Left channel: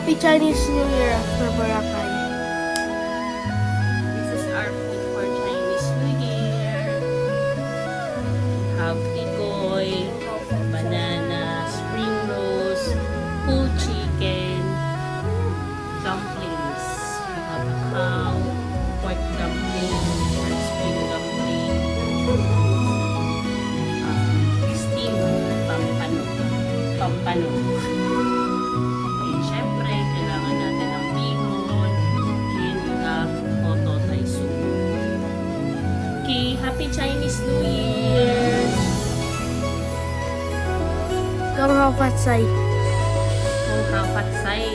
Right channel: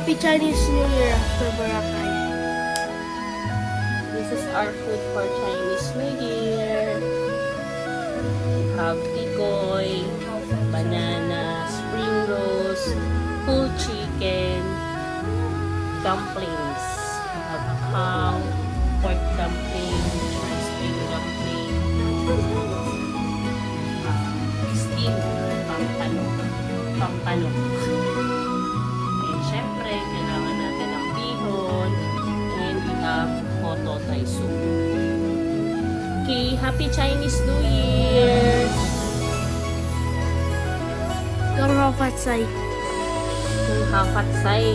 Happy Chinese New Year for Boracay. This is our food for Chinese New Year. We have tikoy, banana, spring rolls, whole chicken, dumplings. We have ham, pork dumpling, spring dumpling, steamed pampano. And syempre, kailangan natin ng bihon. And we have Hoto Thai soup. Okay, Happy Chinese New Year! Gang Hao Fat Sai. Kung hapat say,